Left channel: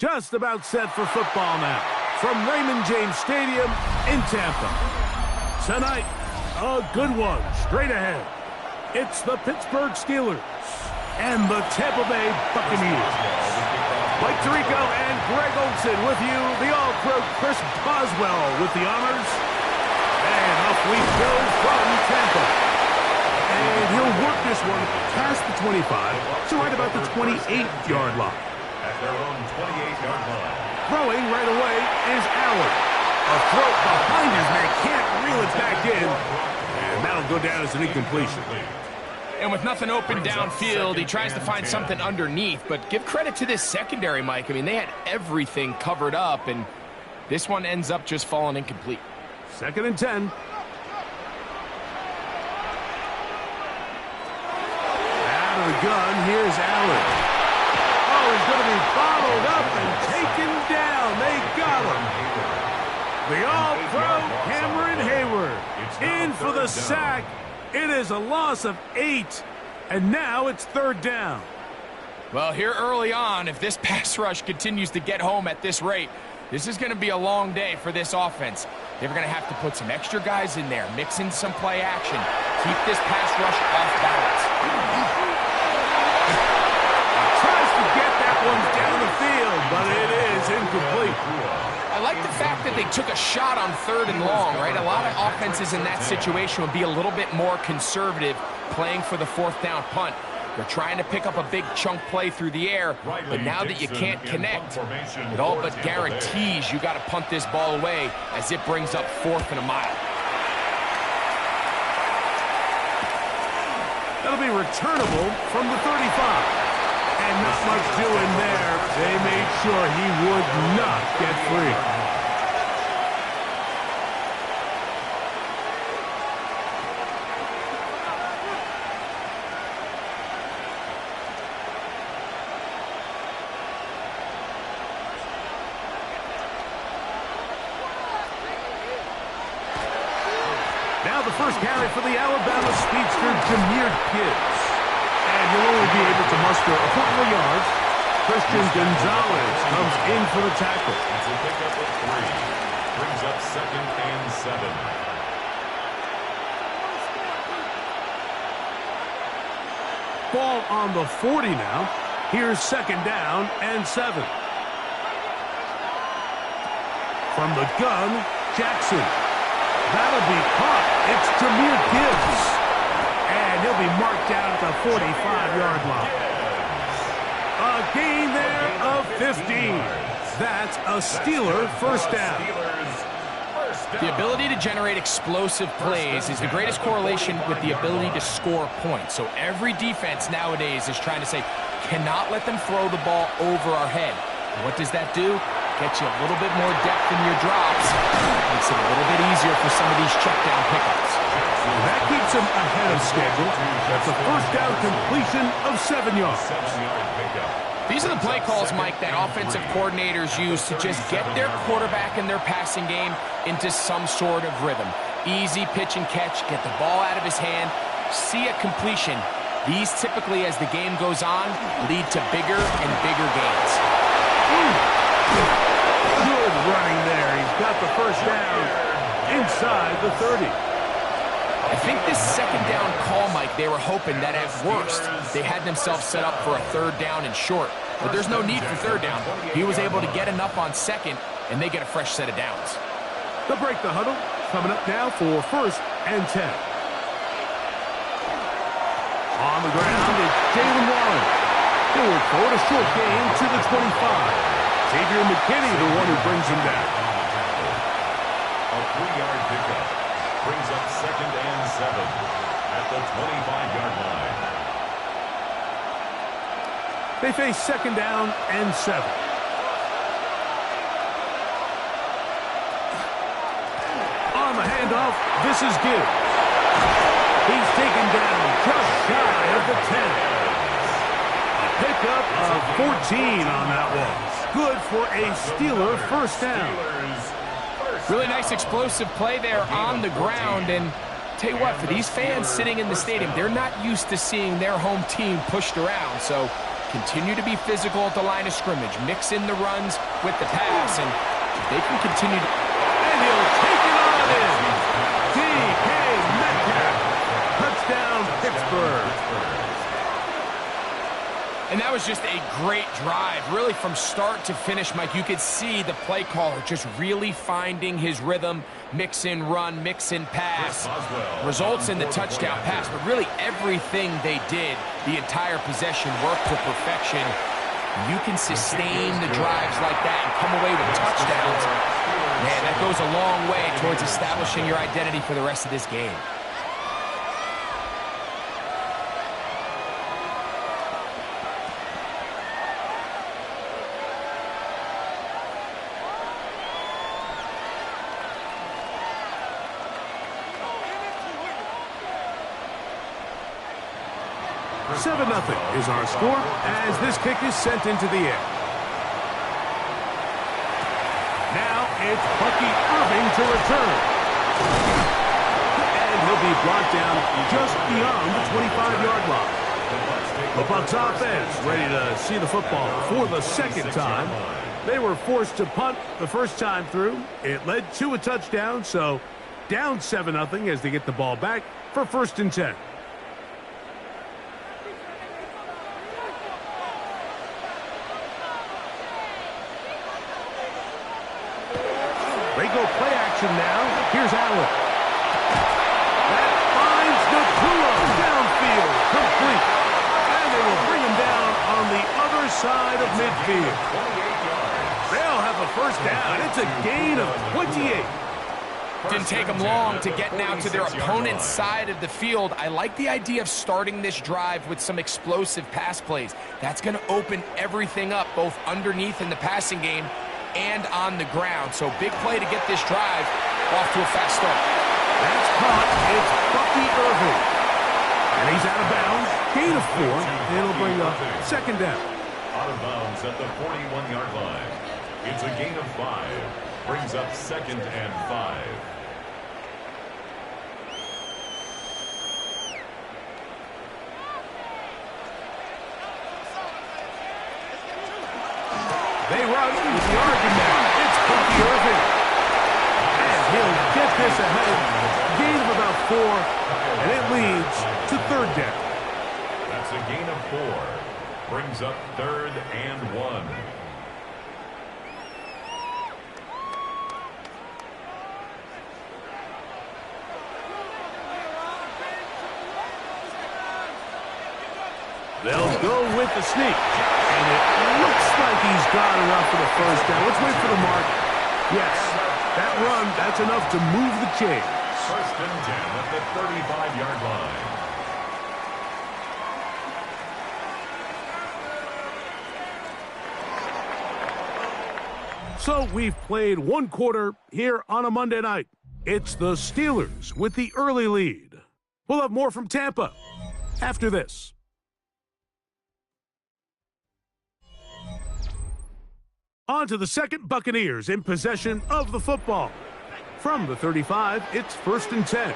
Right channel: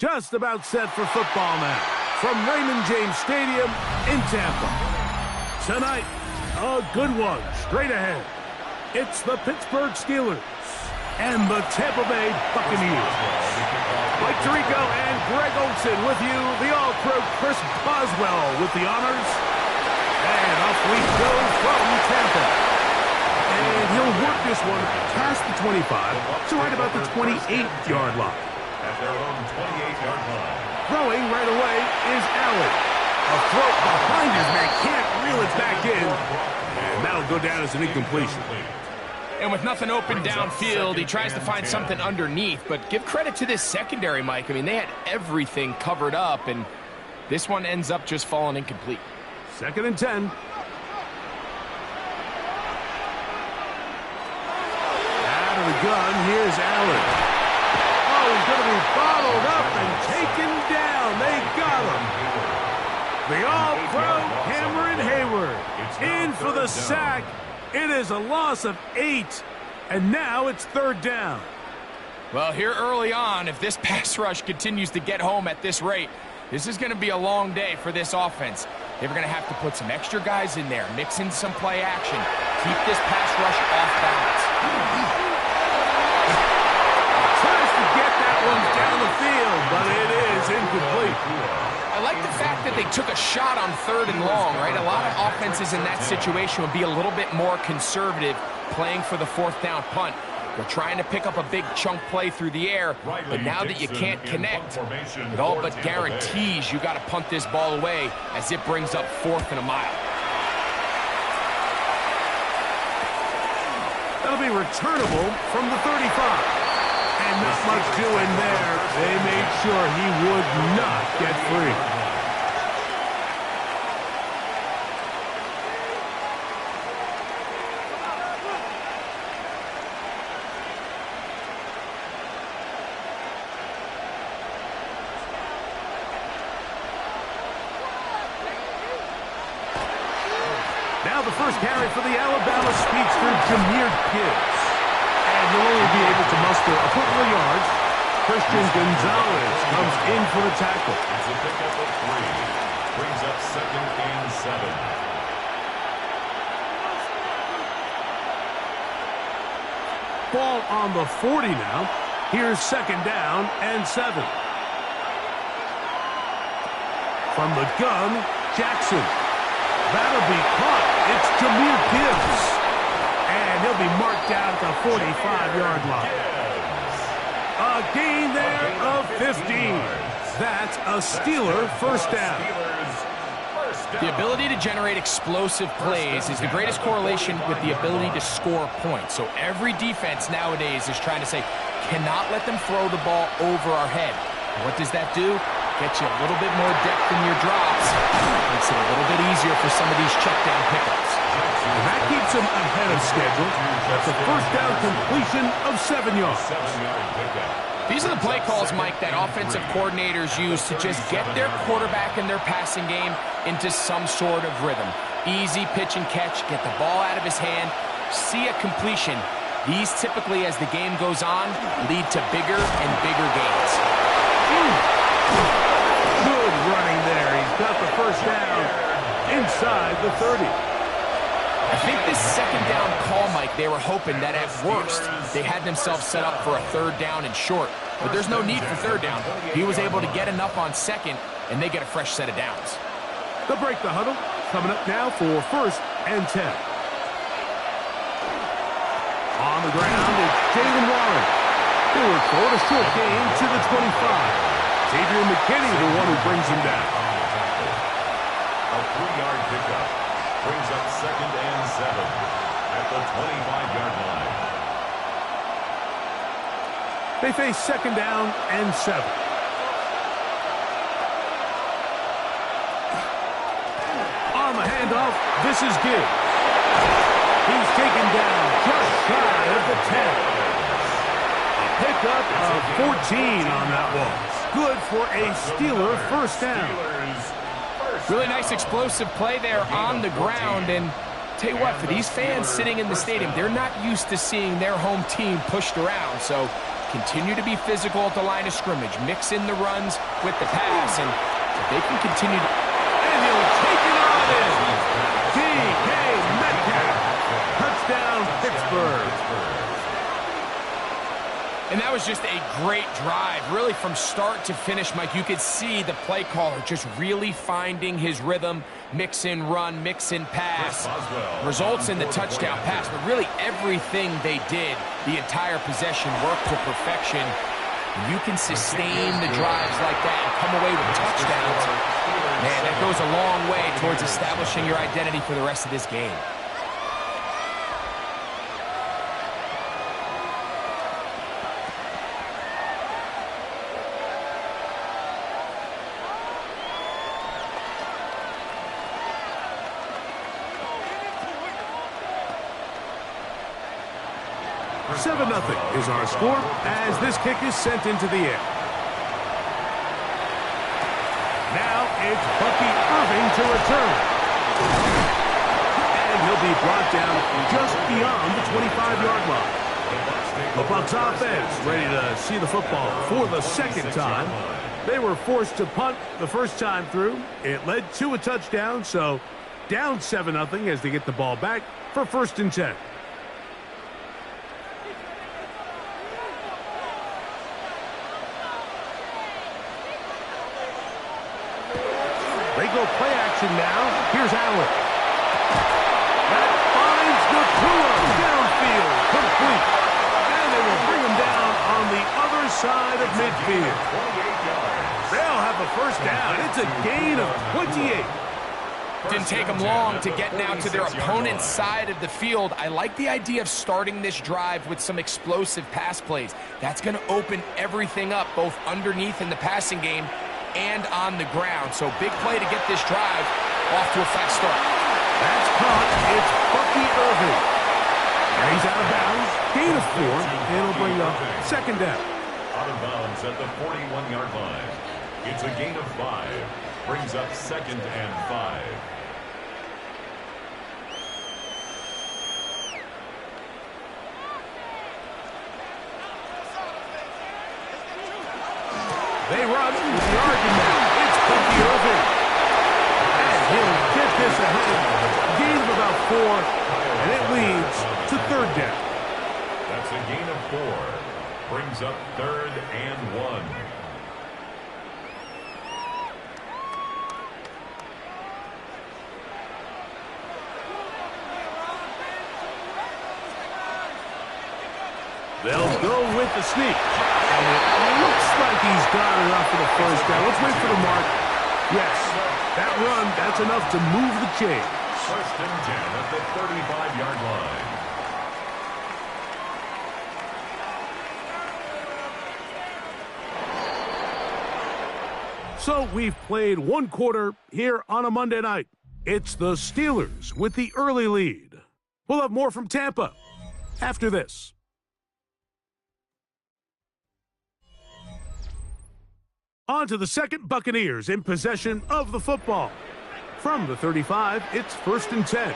Just about set for football now from Raymond James Stadium in Tampa. Tonight, a good one straight ahead. It's the Pittsburgh Steelers and the Tampa Bay Buccaneers. Mike Tirico and Greg Olsen with you, the All-Pro Chris Boswell with the honors. And off we go from Tampa. And he'll work this one past the 25, so right about the 28-yard line. At their own 28-yard line. Throwing right away is Allen. A throw behind his man, can't reel it back in. And that'll go down as an incompletion. And with nothing open downfield, he tries to find something underneath. But give credit to this secondary, Mike. I mean, they had everything covered up, and this one ends up just falling incomplete. 2nd and 10. Out of the gun, here's Allen. Oh, he's going to be bottled up and taken down. They got him. The All-Pro Cameron Hayward in for the sack. It is a loss of 8, and now it's 3rd down. Well, here early on, if this pass rush continues to get home at this rate, this is going to be a long day for this offense. They're going to have to put some extra guys in there, mix in some play action, keep this pass rush off balance. Tries to get that one down the field, but it is incomplete. I like the fact that they took a shot on 3rd and long, right? A lot of offenses in that situation would be a little bit more conservative playing for the 4th down punt. They're trying to pick up a big chunk play through the air, but now that you can't connect, it all but guarantees you got to punt this ball away as it brings up 4th and a mile. That'll be returnable from the 35. And not much doing there. They made sure he would not get free. Now the first carry for the Alabama speedster, Jahmyr Gibbs. And he'll only be able to muster a couple of yards. Christian Gonzalez comes in for the tackle. It's a pickup of 3. Brings up 2nd and 7. Ball on the 40 now. Here's 2nd down and 7. From the gun, Jackson. That'll be caught. It's Jahmyr Gibbs. And he'll be marked down at the 45-yard line. A gain there of 15. That's a Steeler first down. The ability to generate explosive plays is the greatest correlation with the ability to score points. So every defense nowadays is trying to say, cannot let them throw the ball over our head. What does that do? Get you a little bit more depth in your drops. Makes it a little bit easier for some of these check down pickups. And that keeps them ahead of schedule. That's a first down completion of 7 yards. These are the play calls, Mike, that offensive coordinators use to just get their quarterback and their passing game into some sort of rhythm. Easy pitch and catch, get the ball out of his hand, see a completion. These typically, as the game goes on, lead to bigger and bigger gains. Good running there. He's got the first down inside the 30. I think this 2nd down call, Mike, they were hoping that at worst they had themselves set up for a 3rd down and short. But there's no need for 3rd down. He was able to get enough on 2nd, and they get a fresh set of downs. They'll break the huddle. Coming up now for 1st and 10. On the ground, it's Jaylen Warren. He'll work forward, a short gain to the 25. Xavier McKinney, the one who brings him down. A 3-yard pickup. Brings up 2nd and 7 at the 25-yard line. They face 2nd down and 7. On the handoff, this is Gibbs. He's taken down just shy of the 10. A pickup of 14 on that one. Good for a Steeler first down. Really nice explosive play there on the ground, and tell you what, for these fans sitting in the stadium, they're not used to seeing their home team pushed around, so continue to be physical at the line of scrimmage, mix in the runs with the pass, and if they can continue to... And he'll take it on in. DK Metcalf. Touchdown, Pittsburgh. And that was just a great drive, really from start to finish, Mike. You could see the play caller just really finding his rhythm, mix in run, mix in pass, results in the touchdown pass. But really everything they did, the entire possession, worked to perfection. You can sustain the drives like that and come away with touchdowns. Man, that goes a long way towards establishing your identity for the rest of this game. Seven 0 is our score as this kick is sent into the air. Now it's Bucky Irving to return. And he'll be brought down just beyond the 25-yard line. The Bucs offense ready to see the football for the second time. They were forced to punt the first time through. It led to a touchdown, so down 7 0 as they get the ball back for 1st and 10. They go play action now. Here's Allen. That finds Nakua downfield, complete. And they will bring him down on the other side of midfield. They'll have a first down. It's a gain of 28. Didn't take them long to get now to their opponent's side of the field. I like the idea of starting this drive with some explosive pass plays. That's going to open everything up, both underneath in the passing game and on the ground. So big play to get this drive off to a fast start. That's caught. It's Bucky Irving. And he's out of bounds. Gain of 4. It'll bring up 2nd down. Out of bounds at the 41-yard line. It's a gain of 5. Brings up 2nd and 5. They run with the argument. It's Bucky Irving. And he'll get this ahead. Gain of about 4. And it leads to 3rd down. That's a gain of 4. Brings up 3rd and 1. They'll go with the sneak. And it looks like he's got enough for the first down. Let's wait for the mark. Yes, that run, that's enough to move the chains. 1st and 10 at the 35-yard line. So we've played 1 quarter here on a Monday night. It's the Steelers with the early lead. We'll have more from Tampa after this. On to the second, Buccaneers in possession of the football. From the 35, it's 1st and 10.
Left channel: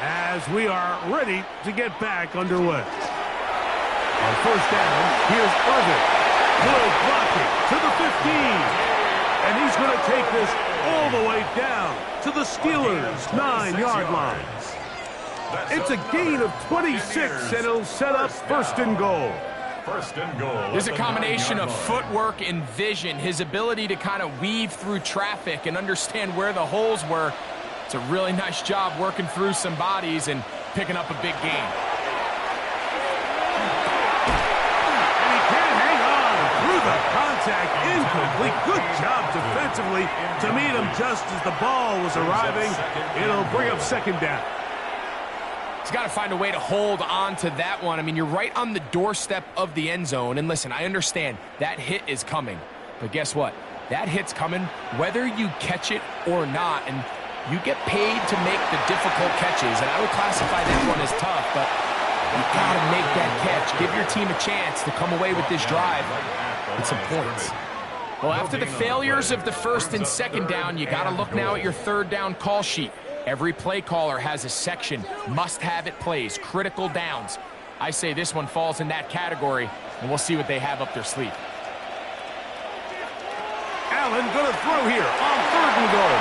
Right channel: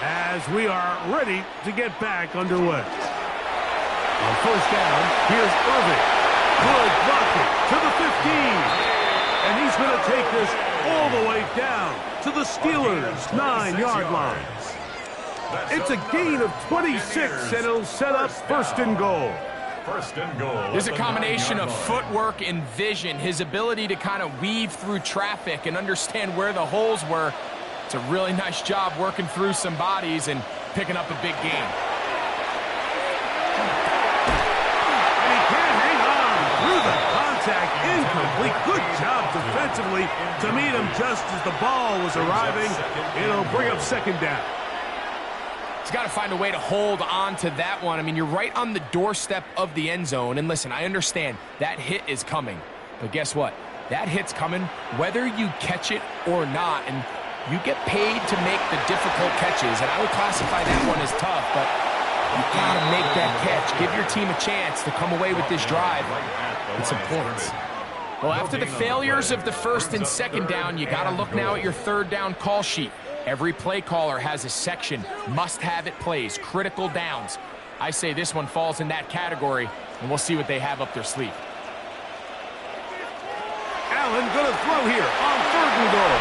As we are ready to get back underway. On 1st down, here's Irving. Good blocking to the 15. And he's going to take this all the way down to the Steelers' 9-yard line. It's a gain of 26, and it'll set up 1st and goal. 1st and goal. There's a combination of footwork and vision, his ability to kind of weave through traffic and understand where the holes were. It's a really nice job working through some bodies and picking up a big gain. And he can't hang on through the contact. Incomplete. Good job defensively to meet him just as the ball was arriving. It'll bring up 2nd down. He's got to find a way to hold on to that one. I mean, you're right on the doorstep of the end zone. And listen, I understand that hit is coming. But guess what? That hit's coming whether you catch it or not. And you get paid to make the difficult catches. And I would classify that one as tough. But you got to make that catch. Give your team a chance to come away with this drive with some points. Well, after the failures of the 1st and 2nd down, you got to look now at your 3rd down call sheet. Every play caller has a section, must-have-it plays, critical downs. I say this one falls in that category. and we'll see what they have up their sleeve. Allen going to throw here on 3rd and goal.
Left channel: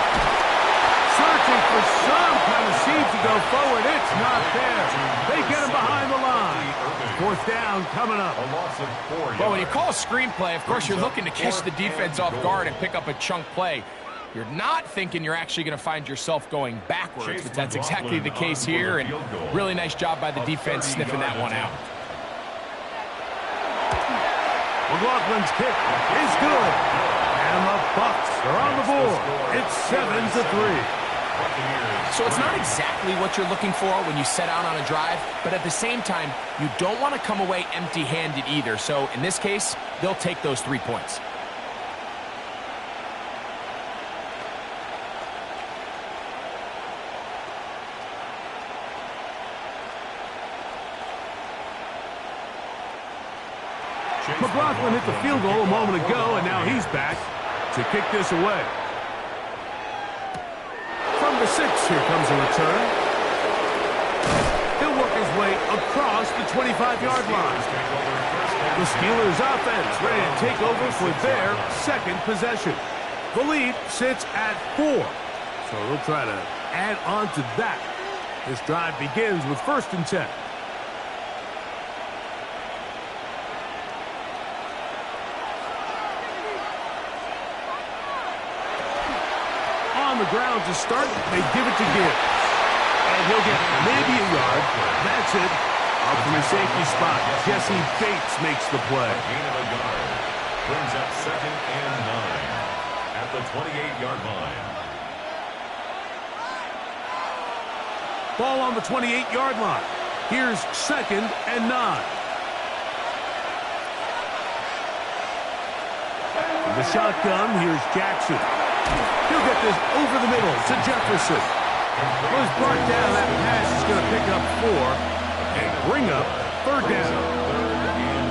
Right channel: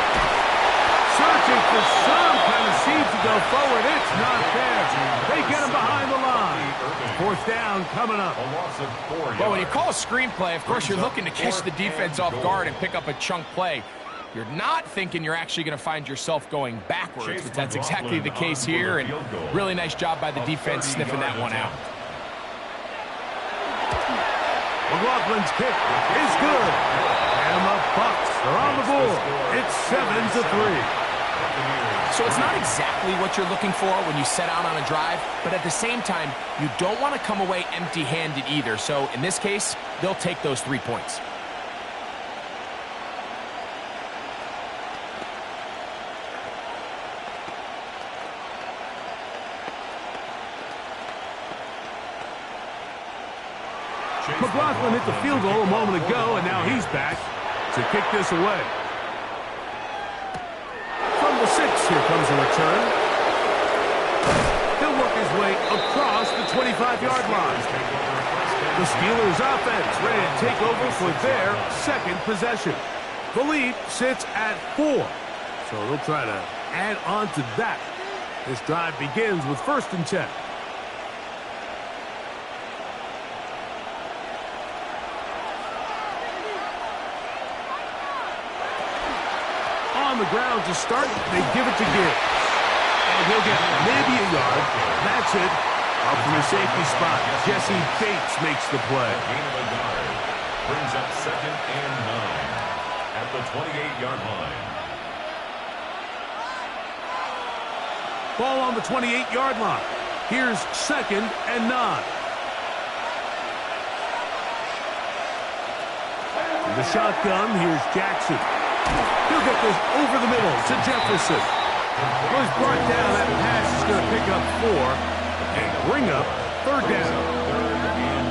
Searching for some kind of seed to go forward. It's not there. They get him behind the line. 4th down coming up. A loss of 4 yards. Well, when you call a screenplay, of course, you're looking to catch the defense off guard and pick up a chunk play. You're not thinking you're actually going to find yourself going backwards, but that's exactly the case here, and really nice job by the defense sniffing that one out. McLaughlin's kick is good. And the Bucs are on the board. It's 7-3. So it's not exactly what you're looking for when you set out on a drive, but at the same time, you don't want to come away empty-handed either. So in this case, they'll take those 3 points. McLaughlin hit the field goal a moment ago, and now he's back to kick this away. From the 6, here comes a return. He'll work his way across the 25-yard line. The Steelers offense ready to take over for their 2nd possession. The lead sits at 4, so they'll try to add on to that. This drive begins with 1st and 10. On the ground to start, they give it to Gibbs. And he'll get maybe a yard. That's it. Up from his safety spot, Jesse Bates makes the play. A gain of a yard. Brings up 2nd and 9 at the 28-yard line. Ball on the 28-yard line. Here's 2nd and 9. In the shotgun, here's Jackson. He'll get this over the middle to Jefferson. Was brought down. That pass is going to pick up 4 and bring up 3rd down. 3rd and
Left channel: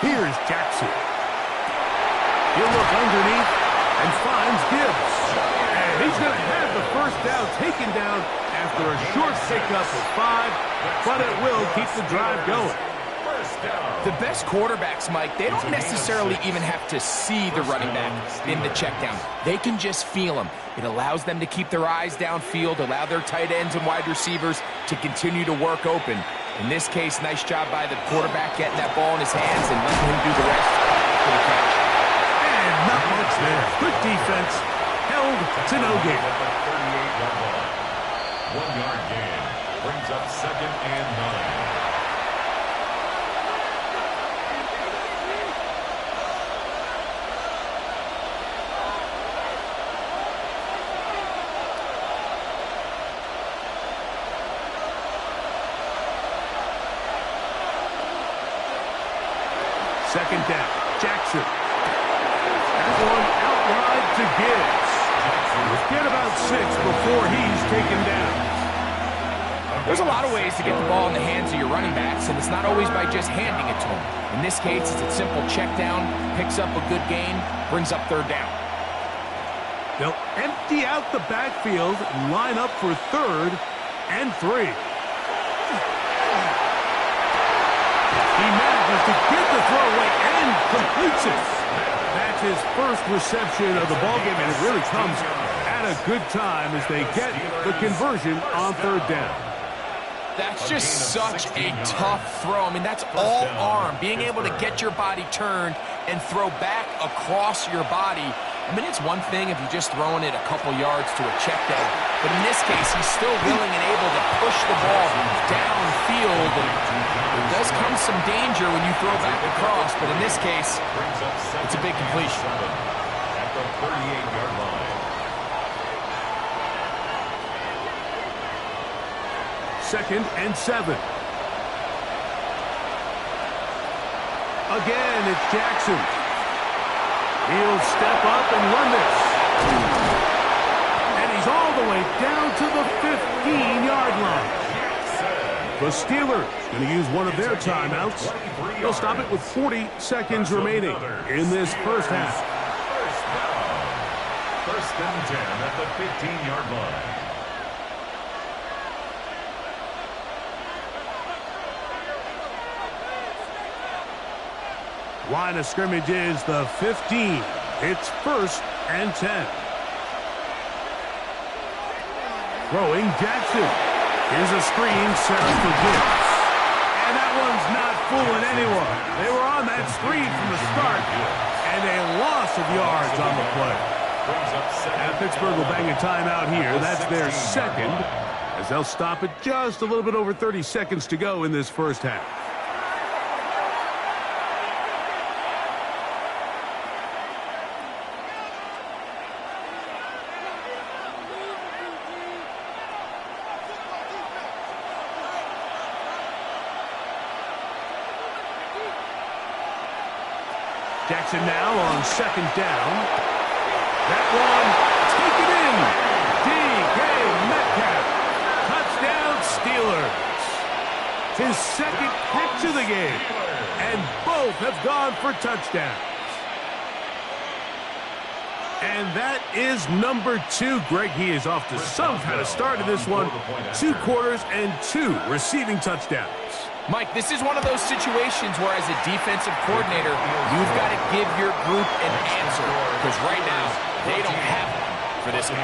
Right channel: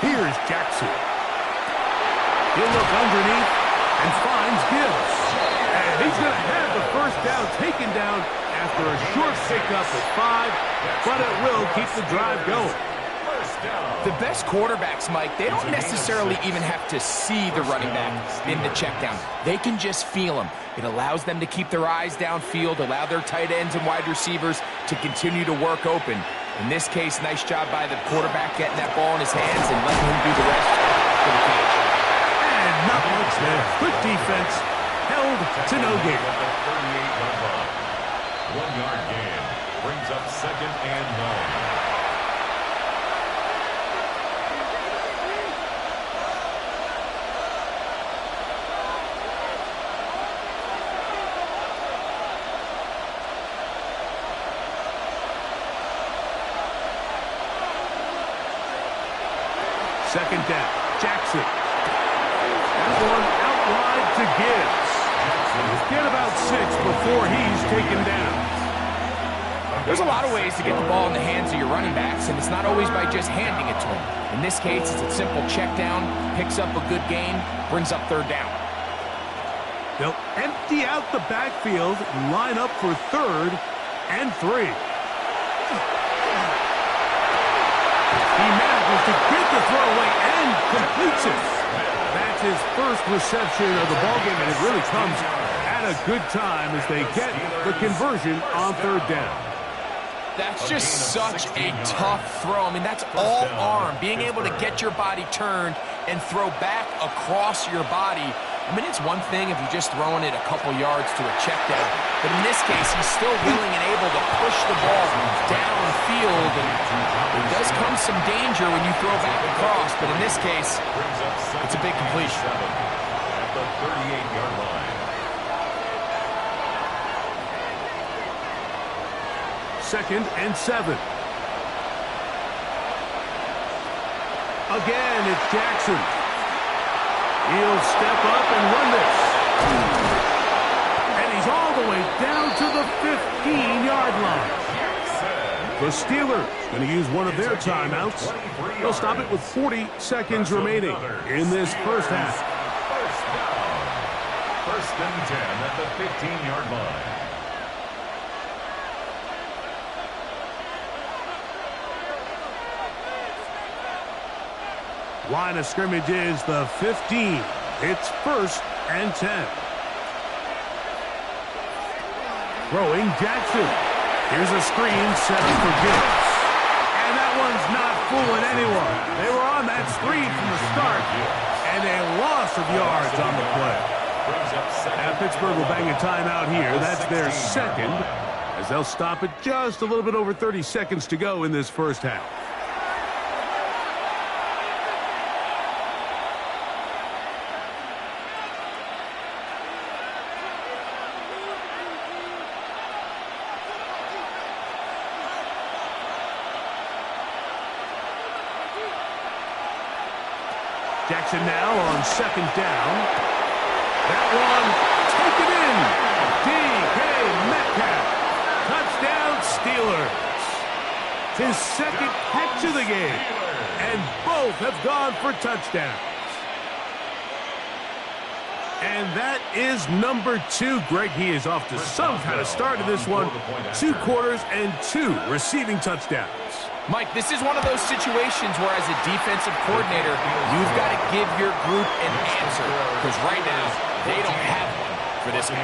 4. Here's Jackson. He'll look underneath and finds Gibbs. And he's going to have the 1st down taken down after a short pickup of 5, but it will keep the drive going. The best quarterbacks, Mike, they don't necessarily even have to see the running back in the check down. They can just feel him. It allows them to keep their eyes downfield, allow their tight ends and wide receivers to continue to work open. In this case, nice job by the quarterback getting that ball in his hands and letting him do the rest for the catch. And not much there. Good defense. Held to no gain. At the 38-yard line. 1-yard gain. Brings up 2nd and 9. Second down. Jackson. That one out wide to Gibbs. He'll get about 6 before he's taken down. There's a lot of ways to get the ball in the hands of your running backs, and it's not always by just handing it to them. In this case, it's a simple check down, picks up a good gain, brings up 3rd down. They'll empty out the backfield and line up for 3rd and 3. He manages to get the throw away and completes it. That's his 1st reception of the ballgame, and it really comes at a good time as they get the conversion on 3rd down. That's just such a tough throw. I mean, that's all arm. Being able to get your body turned and throw back across your body. I mean, it's one thing if you're just throwing it a couple yards to a check down, but in this case, he's still willing and able to push the ball downfield, and there does come some danger when you throw back across, but in this case, it's a big completion. At the 38-yard line. 2nd and 7. Again, it's Jackson. He'll step up and run this. And he's all the way down to the 15-yard line. The Steelers going to use one of their timeouts. They'll stop it with 40 seconds remaining in this first half. First down. First and 10 at the 15-yard line. Line of scrimmage is the 15. It's first and 10. Throwing Jackson. Here's a screen set up for Gibbs. And that one's not fooling anyone. They were on that screen from the start, and a loss of yards on the play. Now Pittsburgh will bang a timeout here. That's their second, as they'll stop it just a little bit over 30 seconds to go in this first half. Jackson now on second down. That one, take it in. DK Metcalf. Touchdown Steelers. His second catch of the game. And both have gone for touchdowns. And that is number 2. Greg, he is off to some kind of start in this one. 2 quarters and 2 receiving touchdowns. Mike, this is one of those situations where as a defensive coordinator, you've got to give your group an answer. Because right now, they don't have one for this game.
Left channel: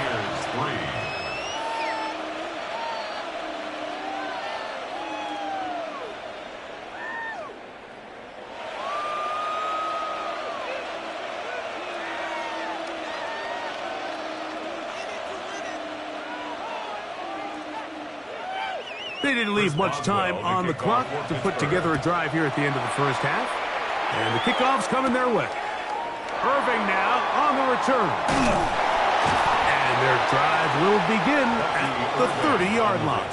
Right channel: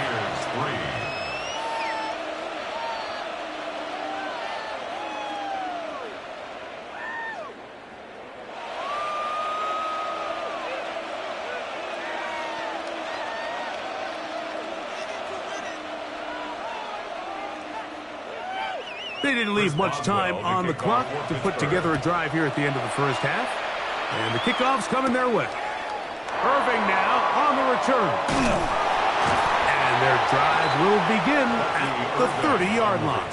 They didn't leave much time on the clock to put together a drive here at the end of the first half. And the kickoff's coming their way. Irving now on the return. And their drive will begin at the 30-yard line.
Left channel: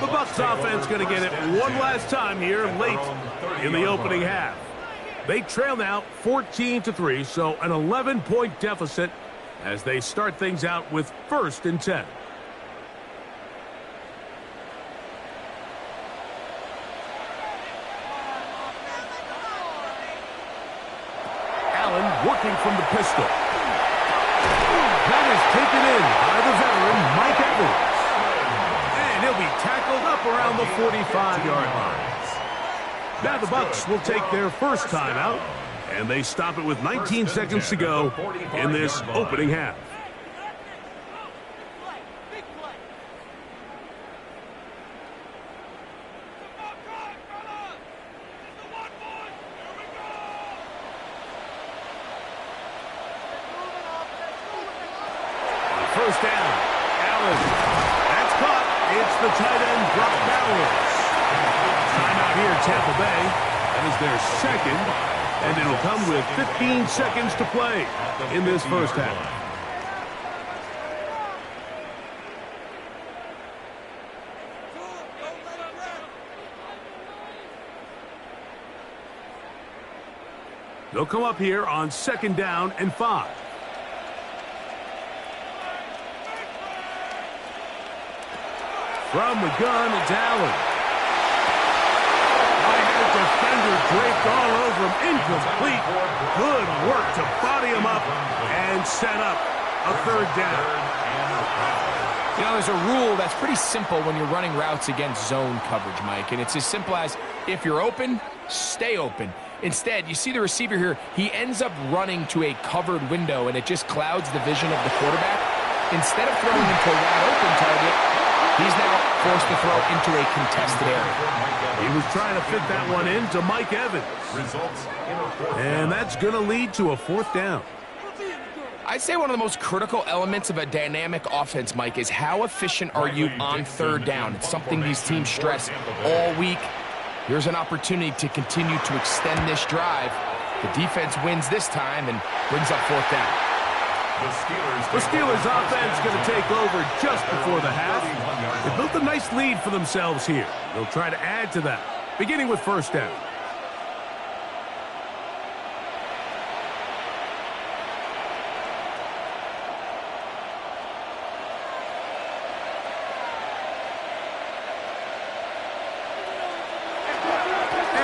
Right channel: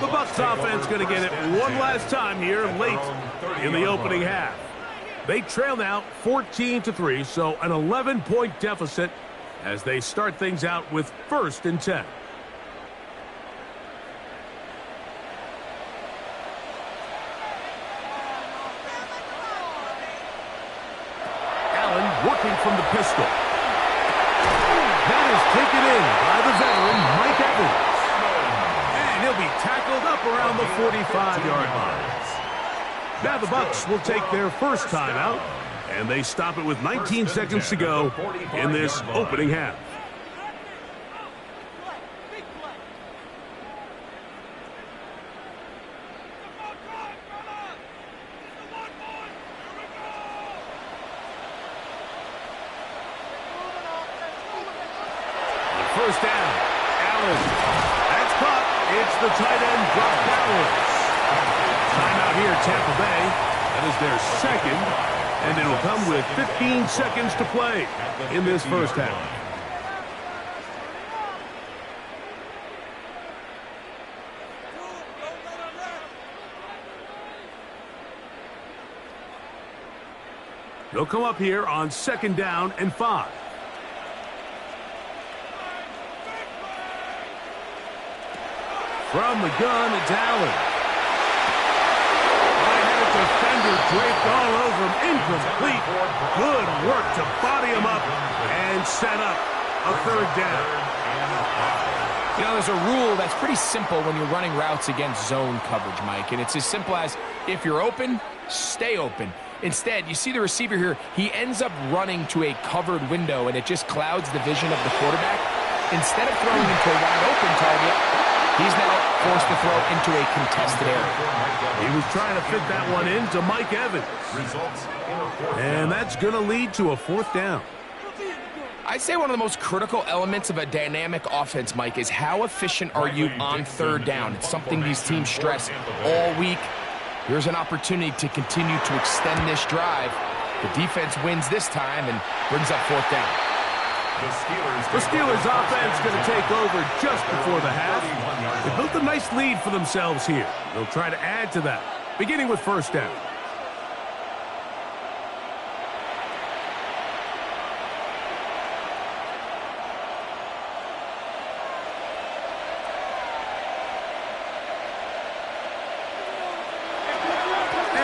The Bucs offense going to get it one last time here late in the opening half. They trail now 14-3, so an 11-point deficit as they start things out with first and 10. Working from the pistol. That is taken in by the veteran, Mike Evans. And he'll be tackled up around the 45-yard line. Now the Bucs will take their first timeout, and they stop it with 19 seconds to go in this opening half. First down, Allen. That's caught. It's the tight end, Brock Bowers. Timeout here, Tampa Bay. That is their second, and it'll come with 15 seconds to play in this first half. They'll come up here on second down and 5. From the gun, it's Allen. Right-handed defender draped all over him. Incomplete. Good work to body him up and set up a third down. You know, there's a rule that's pretty simple when you're running routes against zone coverage, Mike. And it's as simple as, if you're open, stay open. Instead, you see the receiver here. He ends up running to a covered window, and it just clouds the vision of the quarterback. Instead of throwing into a wide-open target, he's now forced to throw into a contested area. He was trying to fit that one into Mike Evans. And that's going to lead to a fourth down. I'd say one of the most critical elements of a dynamic offense, Mike, is how efficient are you on third down. It's something these teams stress all week. Here's an opportunity to continue to extend this drive. The defense wins this time and brings up fourth down. The Steelers offense going to take over just before the half. They built a nice lead for themselves here. They'll try to add to that, beginning with first down.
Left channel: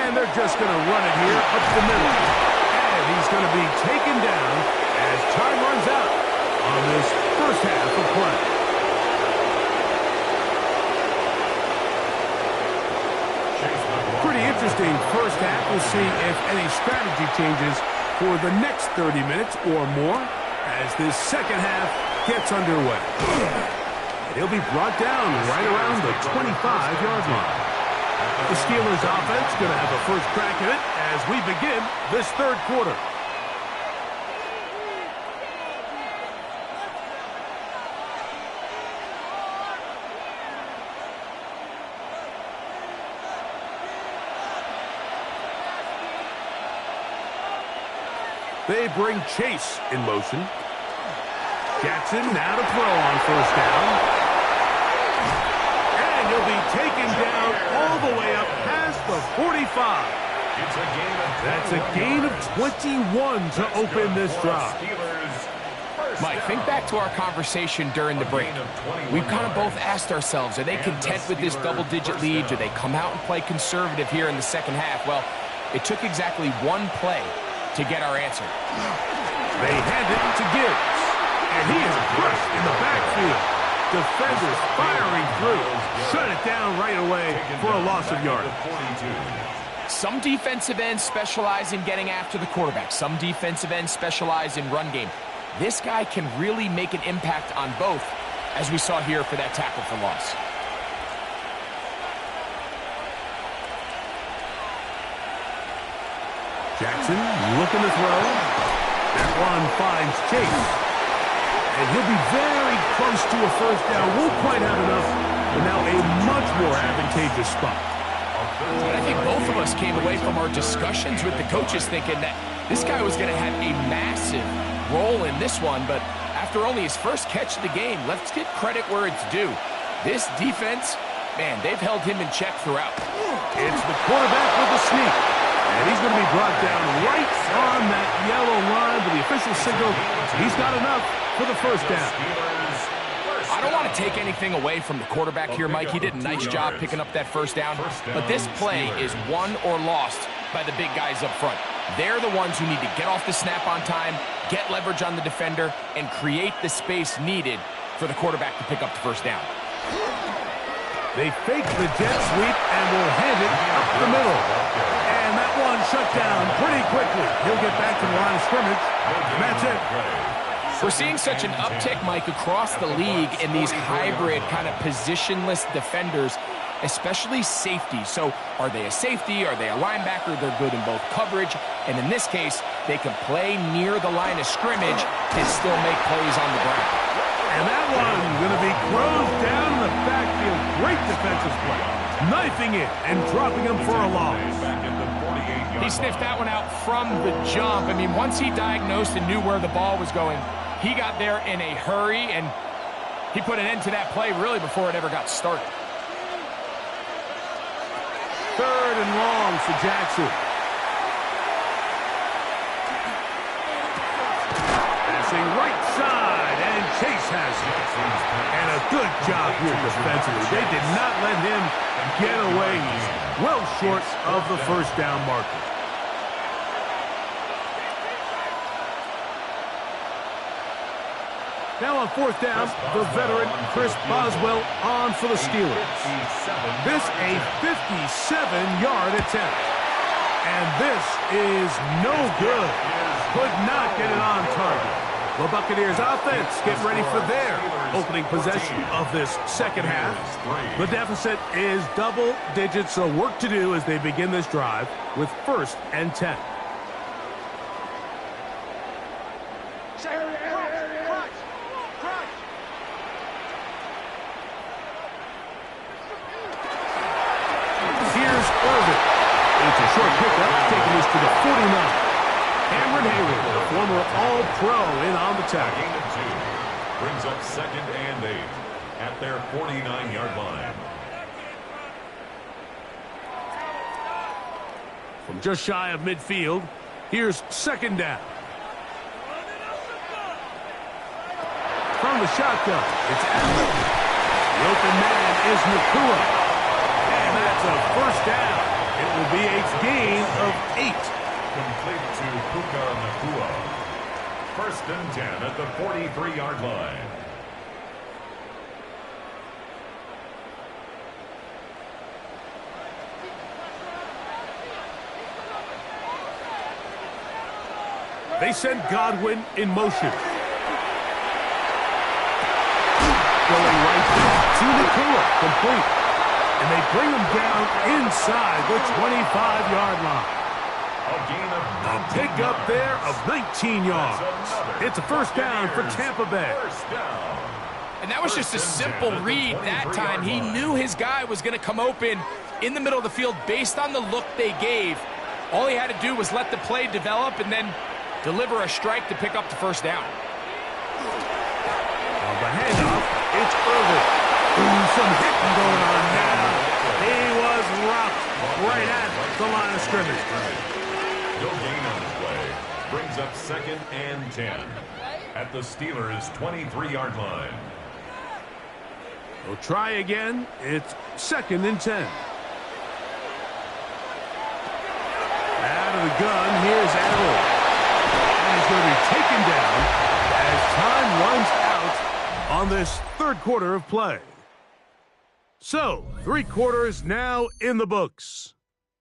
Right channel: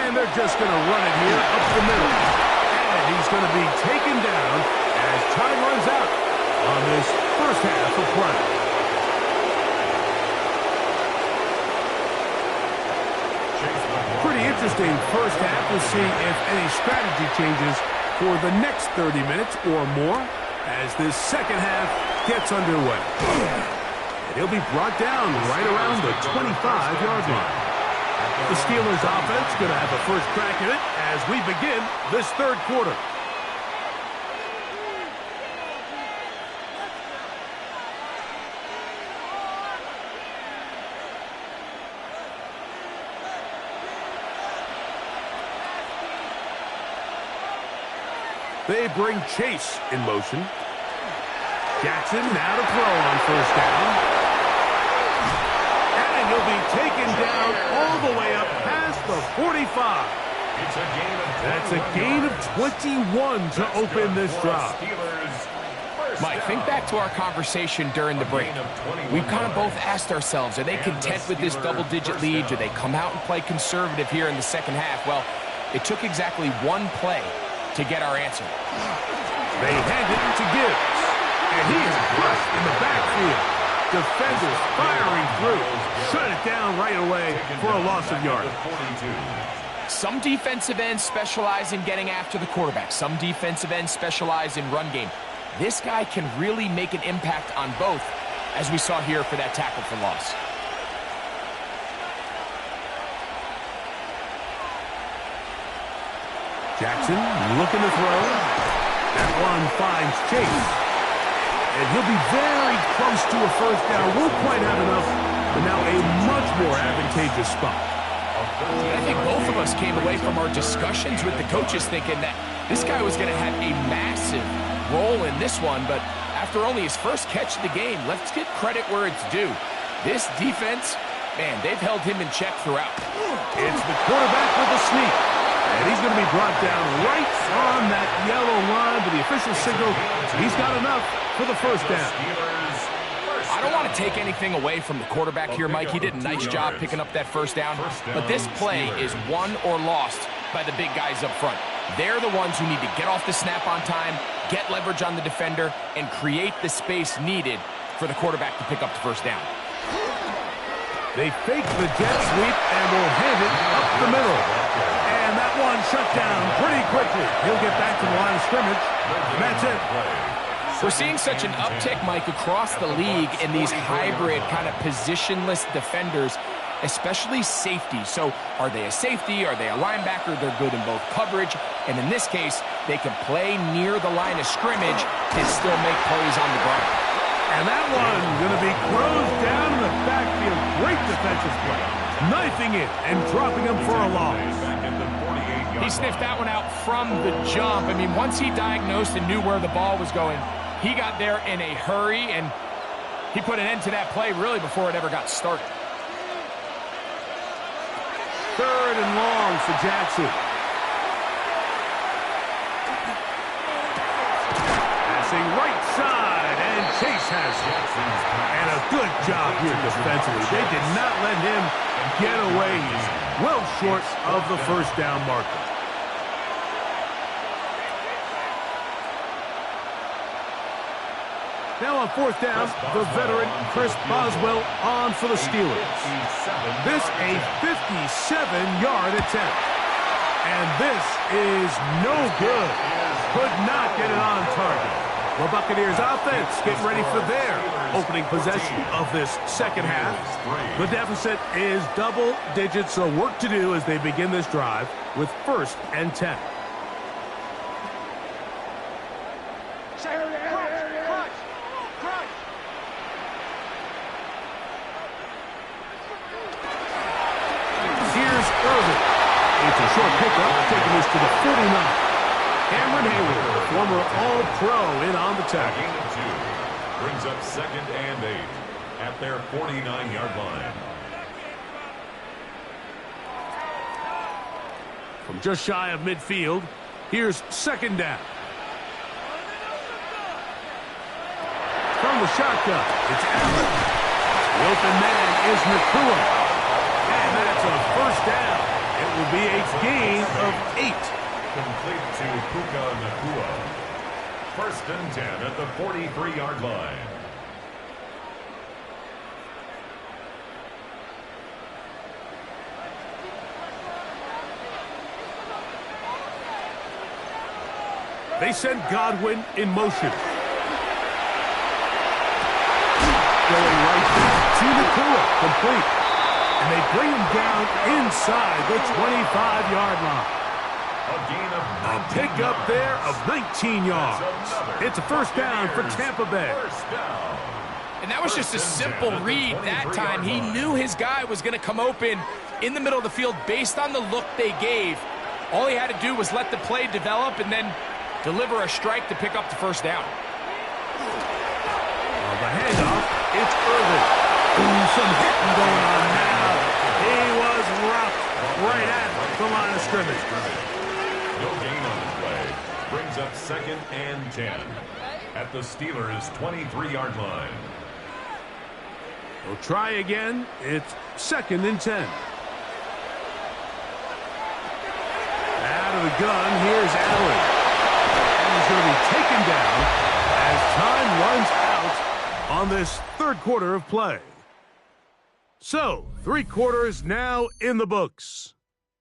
And they're just going to run it here up the middle. And he's going to be taken down as time runs out on this first half of play. Pretty interesting first half. We'll see if any strategy changes for the next 30 minutes or more as this second half gets underway. And he'll be brought down right around the 25-yard line. The Steelers offense going to have a first crack at it as we begin this third quarter. They bring Chase in motion. Jackson now to throw on first down. And he'll be taken down all the way up past the 45. That's a gain of 21 to open this drive. Mike, think back to our conversation during the break. We've kind of both asked ourselves, are they content with this double-digit lead? Do they come out and play conservative here in the second half? Well, it took exactly one play to get our answer. They hand it to Gibbs, and he is crushed in the backfield. Defenders firing through. Shut it down right away for a loss of yardage. Some defensive ends specialize in getting after the quarterback. Some defensive ends specialize in run game. This guy can really make an impact on both, as we saw here for that tackle for loss. Jackson looking to throw. That one finds Chase. And he'll be very close to a first down. Won't quite have enough, but now a much more advantageous spot. And I think both of us came away from our discussions with the coaches thinking that this guy was going to have a massive role in this one, but after only his first catch of the game, let's get credit where it's due. This defense, man, they've held him in check throughout. It's the quarterback with the sneak. And he's going to be brought down right on that yellow line with the official signal. He's got enough for the first down. I don't want to take anything away from the quarterback here, Mike. He did a nice job picking up that first down. But this play is won or lost by the big guys up front. They're the ones who need to get off the snap on time, get leverage on the defender, and create the space needed for the quarterback to pick up the first down. They fake the jet sweep and will hand it up the middle. And that one shut down pretty quickly. He'll get back to the line of scrimmage. And that's it. We're seeing such an uptick, Mike, across the league in these hybrid kind of positionless defenders, especially safety. So are they a safety? Are they a linebacker? They're good in both coverage. And in this case, they can play near the line of scrimmage and still make plays on the ground. And that one going to be closed down in the backfield. Great defensive play. Knifing it and dropping him for a loss. He sniffed that one out from the jump. I mean, once he diagnosed and knew where the ball was going, he got there in a hurry, and he put an end to that play really before it ever got started. Third and long for Jackson. Passing right side, and Chase has it. And a good job here defensively. They did not let him get away. He's well short of the first down marker. Now on fourth down, the veteran Chris Boswell on for the Steelers. This a 57-yard attempt. And this is no good. Could not get it on target. The Buccaneers offense getting ready for their opening possession of this second half. The deficit is double digits, so work to do as they begin this drive with 1st and 10. Here's Irvin. It's a short pickup, taking this to the 49. Cameron Hayward, the former All-Pro, in on the tackle. Gain of 2 brings up 2nd and 8 at their 49-yard line. From just shy of midfield, here's 2nd down. From the shotgun, it's Allen. The open man is Nakua. And that's a first down. It will be a gain of 8. Complete to Puka Nacua. 1st and 10 at the 43-yard line. They send Godwin in motion. Going right back to Nacua, complete. And they bring him down inside the 25-yard line. A gain of A pickup there of 19 yards. It's a first down for Tampa Bay. First down. And that was just a simple read that time. He knew his guy was going to come open in the middle of the field based on the look they gave. All he had to do was let the play develop and then deliver a strike to pick up the first down. The handoff, it's Irvin. Ooh, some hitting going on now. He was rocked right at the line of scrimmage. No gain on the play. Brings up 2nd and 10 at the Steelers' 23-yard line. They'll try again. It's 2nd and 10. Out of the gun, here's Allen. And he's going to be taken down as time runs out on this 3rd quarter of play. So, 3 quarters now in the books.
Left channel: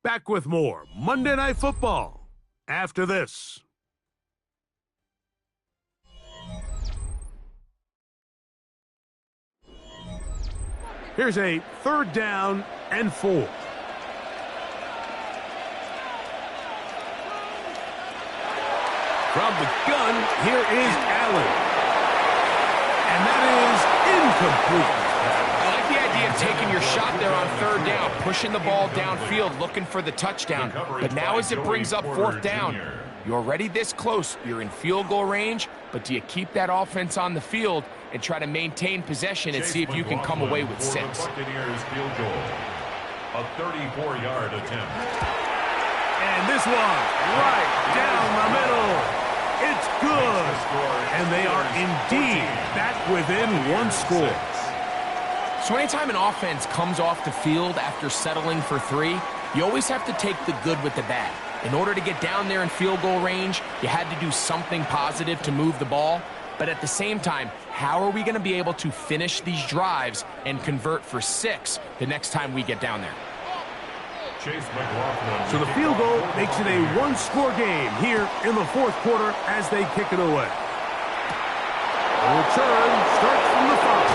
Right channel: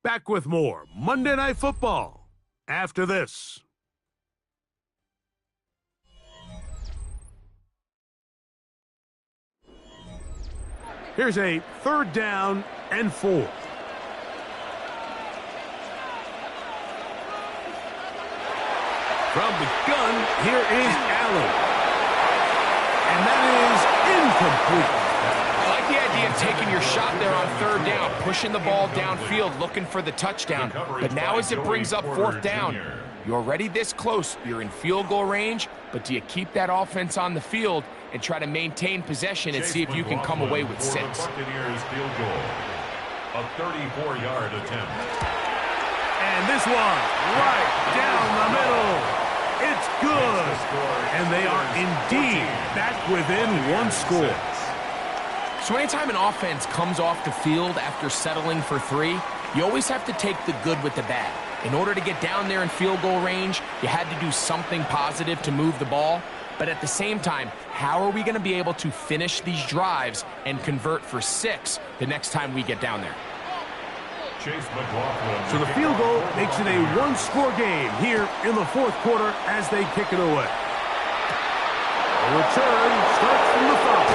Back with more Monday Night Football after this. Here's a 3rd down and 4. From the gun, here is Allen. And that is incomplete. I like the idea of taking your shot there on 3rd down, pushing the ball downfield, looking for the touchdown. But now as it brings up 4th down, you're already this close. You're in field goal range, but do you keep that offense on the field and try to maintain possession and see if you can come away with 6? Buccaneers field goal. A 34-yard attempt. And this one right down the middle. It's good. And they are indeed back within 1 score. So anytime an offense comes off the field after settling for 3, you always have to take the good with the bad. In order to get down there in field goal range, you had to do something positive to move the ball. But at the same time, how are we going to be able to finish these drives and convert for 6 the next time we get down there? So the field goal makes it a 1-score game here in the 4th quarter as they kick it away. The return starts from the 5.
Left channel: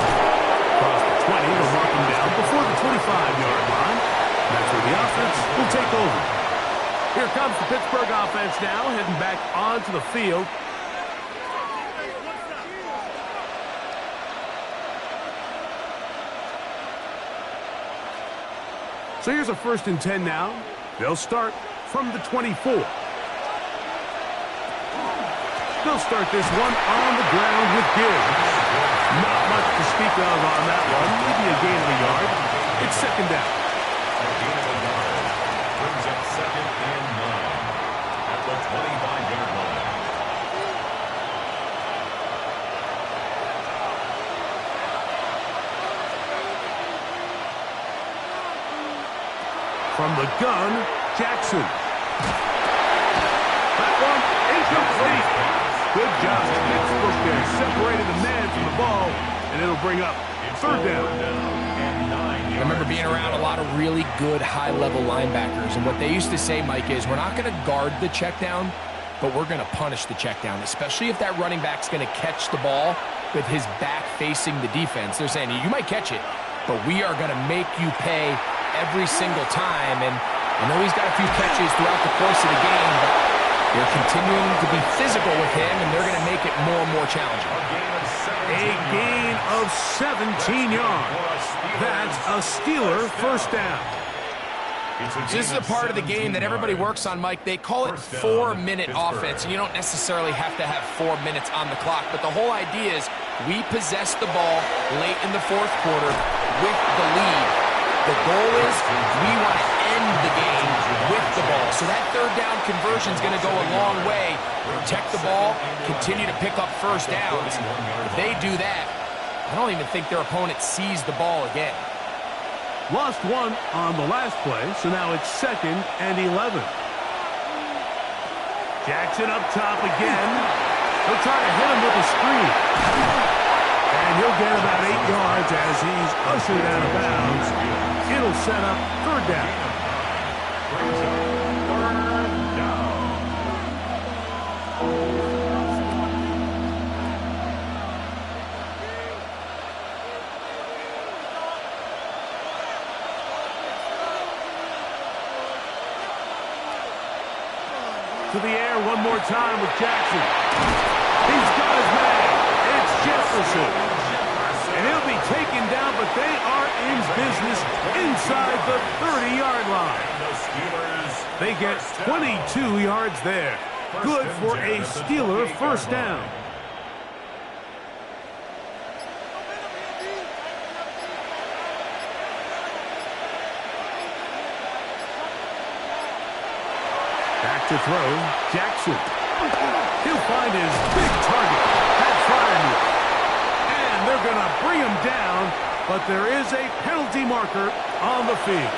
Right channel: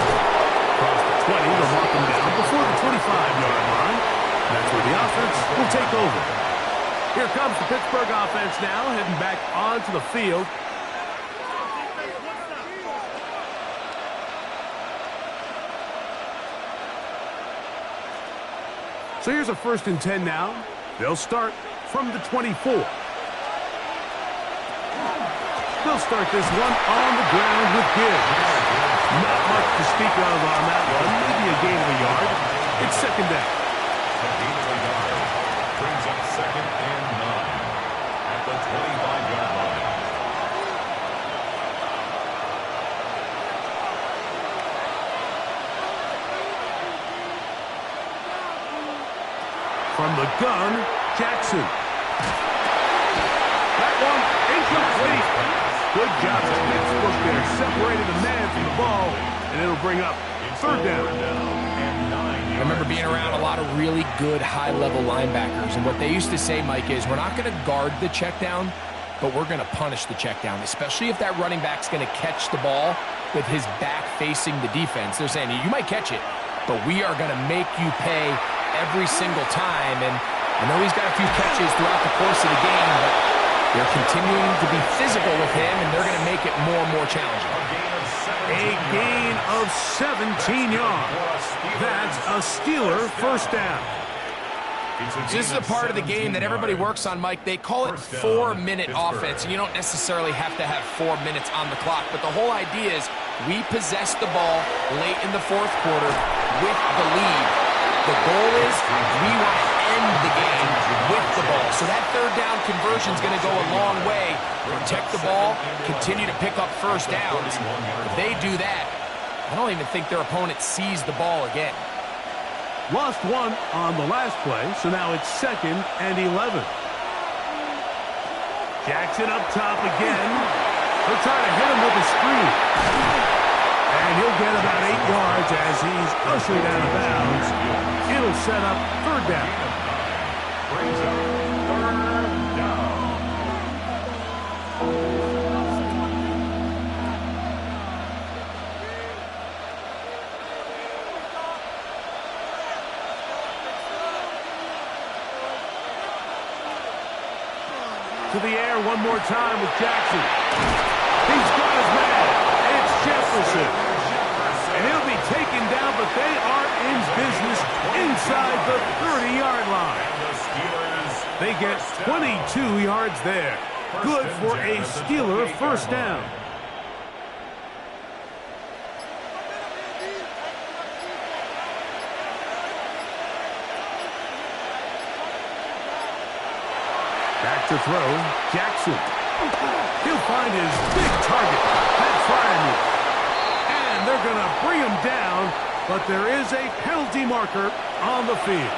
Across the 20, they'll mark them down before the 25-yard line. That's where the offense will take over. Here comes the Pittsburgh offense now, heading back onto the field. So here's a 1st and 10 now. They'll start from the 24. They'll start this one on the ground with Gibbs. Not much to speak of on that one. Maybe a gain of a yard. It's 2nd down. A gain of a yard. Brings up 2nd and 9 at the 25-yard line. From the gun, Jackson. That one incomplete. Good job. Pittsburgh there separated the man from the ball, and it'll bring up 3rd down. I remember being around a lot of really good high-level linebackers, and what they used to say, Mike, is we're not going to guard the check down, but we're going to punish the check down, especially if that running back's going to catch the ball with his back facing the defense. They're saying, you might catch it, but we are going to make you pay every single time. And I know he's got a few catches throughout the course of the game, but they're continuing to be physical with him, and they're going to make it more and more challenging. A gain of 17 yards. That's a Steeler 1st down. So this is a part of the game that everybody works on, Mike. They call it 4-minute offense, and you don't necessarily have to have 4 minutes on the clock, but the whole idea is we possess the ball late in the 4th quarter with the lead. The goal is we want to end the game with the ball. So that 3rd down conversion is going to go a long way. Protect the ball, continue to pick up 1st downs. If they do that, I don't even think their opponent sees the ball again. Lost one on the last play, so now it's 2nd and 11. Jackson up top again. He'll try to hit him with a screen. And he'll get about 8 yards as he's ushered out of bounds. It'll set up 3rd down. Brings up 3rd down. To the air one more time with Jackson. He's got his man. It's Jefferson. And he'll be taken down, but they are in business inside the 30-yard line. They get 22 yards there. Good for a Steeler first down. Back to throw, Jackson. He'll find his big target, Pat Freiermuth. And they're going to bring him down, but there is a penalty marker on the field.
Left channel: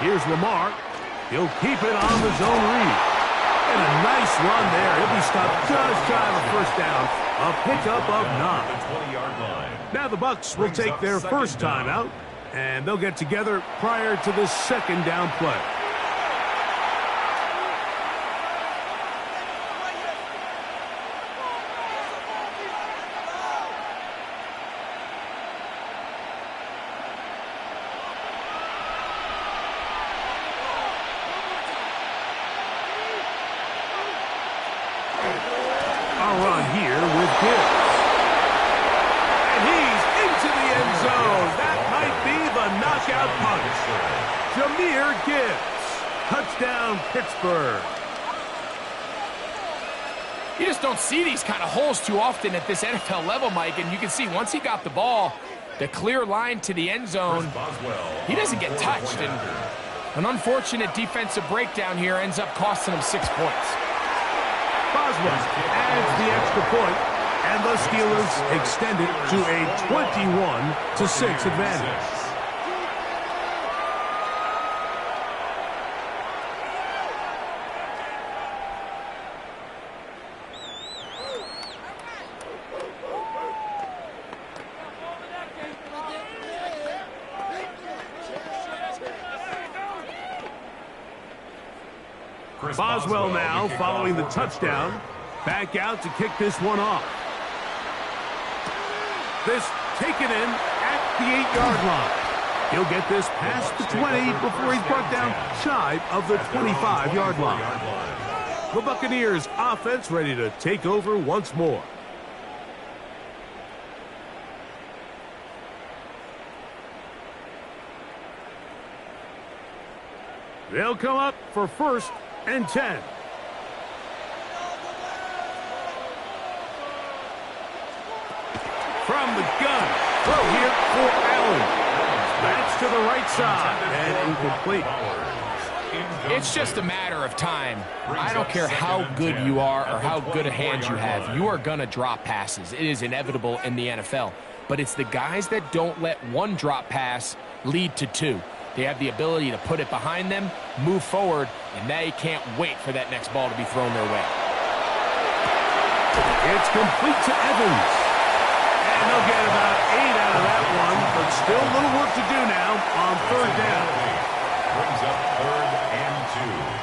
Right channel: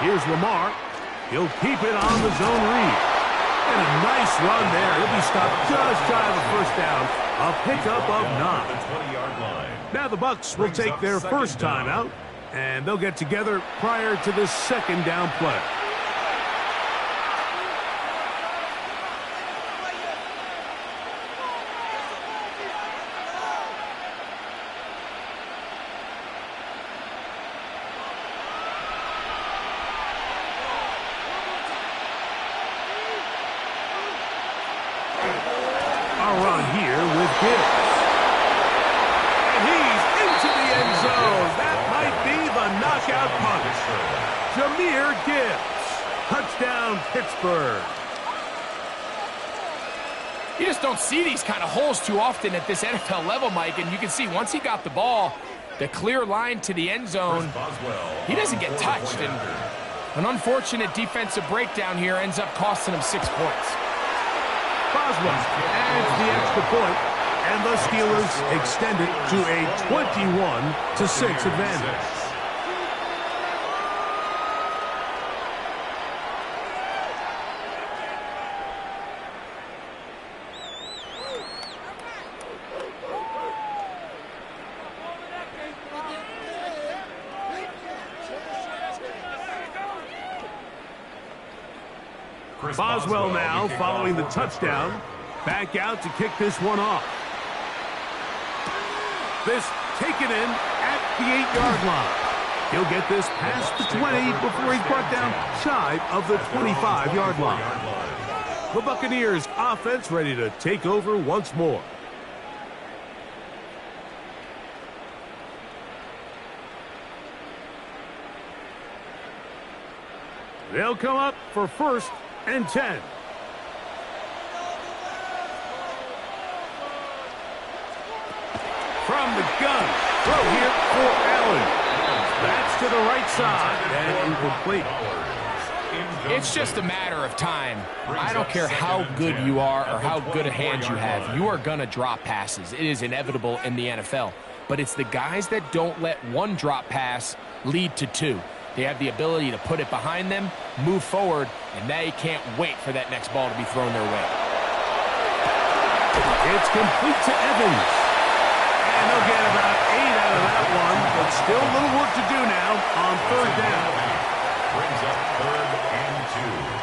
Here's Lamar. He'll keep it on the zone read. And a nice run there. He'll be stopped just shy of a first down. A pickup of 9. The 20-yard line. Now the Bucs will take their first time out, and they'll get together prior to the 2nd down play. Run here with Gibbs. And he's into the end zone. That might be the knockout punch. Jahmyr Gibbs. Touchdown, Pittsburgh. You just don't see these kind of holes too often at this NFL level, Mike. And you can see once he got the ball, the clear line to the end zone, he doesn't get touched. And an unfortunate defensive breakdown here ends up costing him 6 points. Boswell adds the extra point, and the Steelers extend it to a 21-6 advantage. Boswell now following the touchdown. Back out to kick this one off. This taken in at the 8-yard line. He'll get this past the 20 before he's brought down shy of the 25-yard line. The Buccaneers offense ready to take over once more. They'll come up for 1st and 10. From the gun, throw here for Allen. That's to the right side and incomplete. It's just a matter of time. I don't care how good you are or how good a hand you have. You are going to drop passes. It is inevitable in the NFL. But it's the guys that don't let one drop pass lead to 2. They have the ability to put it behind them, move forward, and they can't wait for that next ball to be thrown their way. It's complete to Evans. And they'll get about 8 out of that one, but still a little work to do now on 3rd down. Brings up 3rd and 2.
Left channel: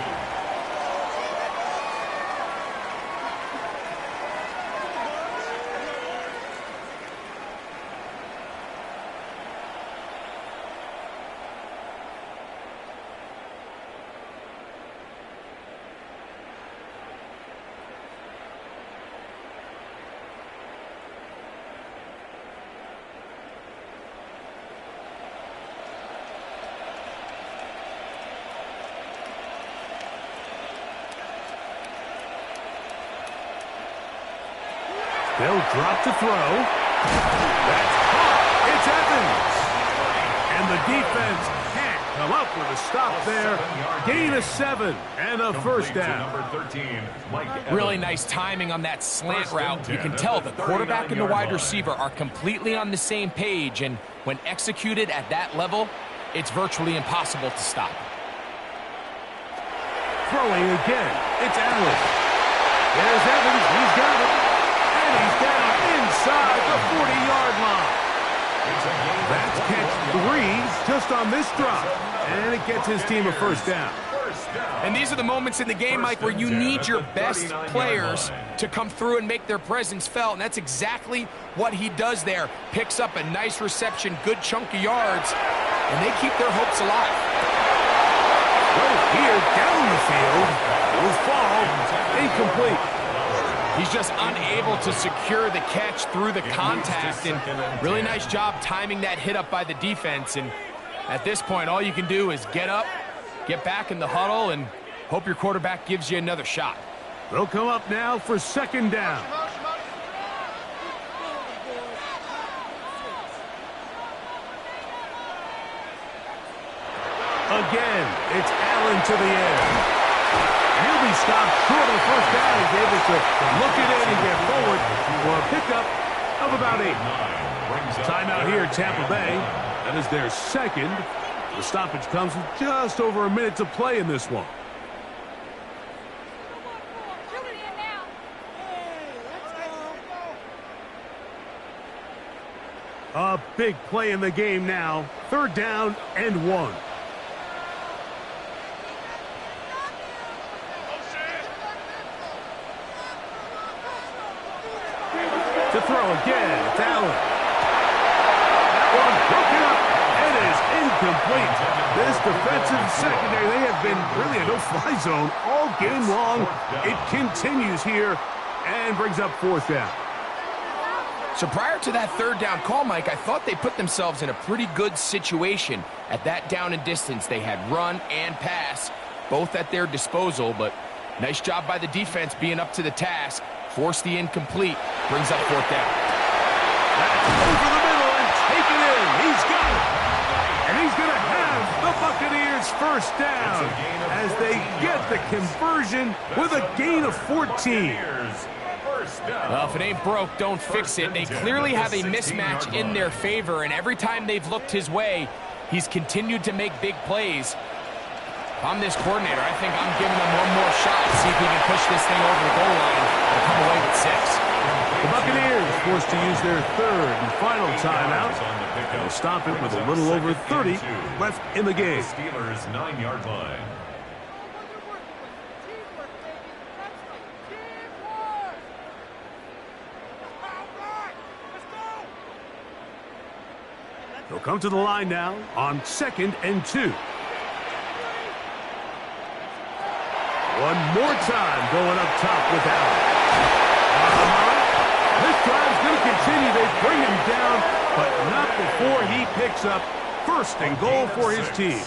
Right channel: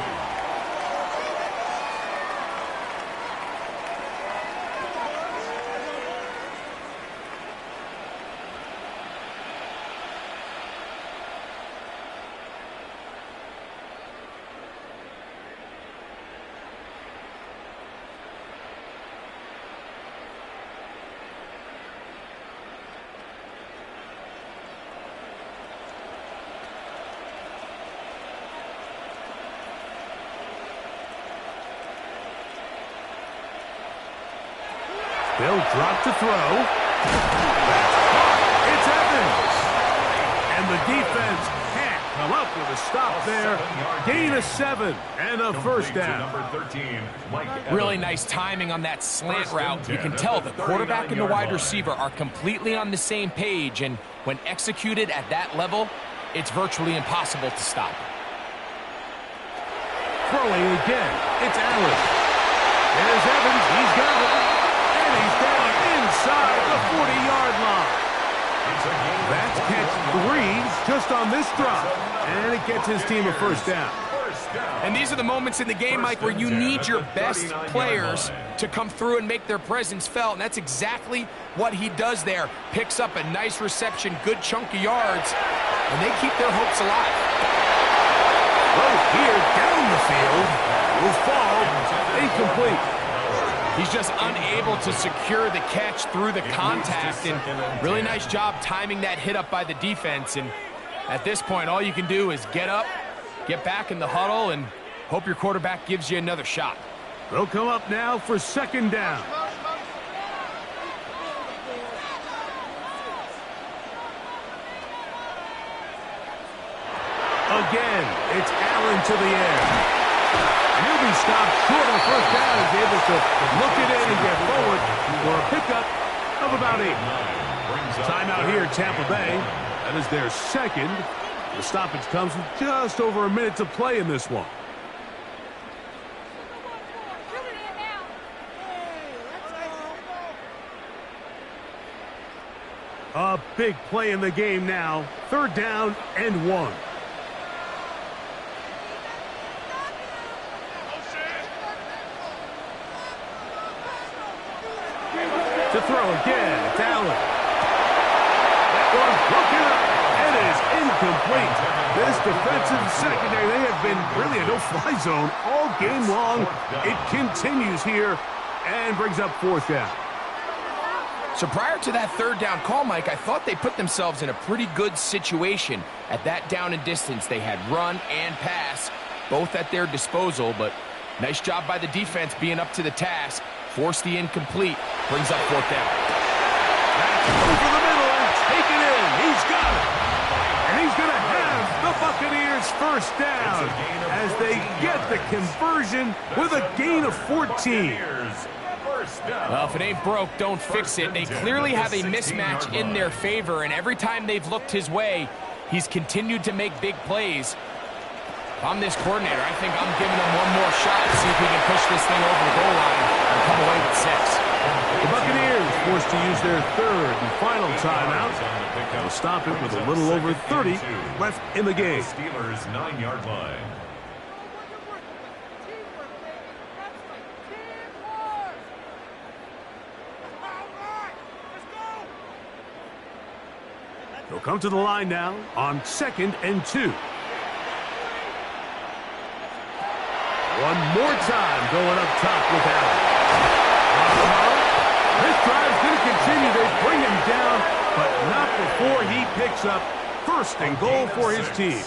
They'll drop to throw. That's caught. It's Evans. And the defense can't come up with a stop there. Gain of 7 and a first down. Number 13, Mike Evans. Really nice timing on that slant route. You can tell the quarterback and the wide receiver are completely on the same page, and when executed at that level, it's virtually impossible to stop. Throwing again. It's Allen. There's Evans. He's got it. And he's down inside the 40-yard line. That's catch 3 just on this drop. And it gets his team a first down. And these are the moments in the game, Mike, where you need your best players to come through and make their presence felt. And that's exactly what he does there. Picks up a nice reception, good chunk of yards, and they keep their hopes alive. Throw here down the field. Will fall. Incomplete. He's just unable to secure the catch through the contact, and really nice job timing that hit up by the defense. And at this point, all you can do is get up, get back in the huddle, and hope your quarterback gives you another shot. They'll come up now for second down. Again, it's Allen to the air. And he'll be stopped short of the first down. He's able to look it in and get forward for a pickup of about 8. Timeout here, Tampa Bay. That is their second. The stoppage comes with just over a minute to play in this one. A big play in the game now. 3rd down and 1. To throw again, it's Allen. That one broken up. It is incomplete. This defensive secondary, they have been really a no-fly zone all game long. It continues here and brings up 4th down. So prior to that 3rd down call, Mike, I thought they put themselves in a pretty good situation. At that down and distance, they had run and pass, both at their disposal, but nice job by the defense being up to the task. Forced the incomplete, brings up 4th down. That's over the middle and taken in. He's got it. And he's going to have the Buccaneers first down as they get the conversion with a gain of 14. Well, if it ain't broke, don't fix it. They clearly have a mismatch in their favor, and every time they've looked his way, he's continued to make big plays. If I'm this coordinator, I think I'm giving him one more shot to see if he can push this thing over the goal line and come away with 6. The Buccaneers forced to use their 3rd and final timeout. They'll stop it with a little over 30 left in the game. Steelers 9-yard line. They'll come to the line now on 2nd and 2. One more time going up top with Allen. This drive's going to continue. They bring him down, but not before he picks up 1st and goal for his team.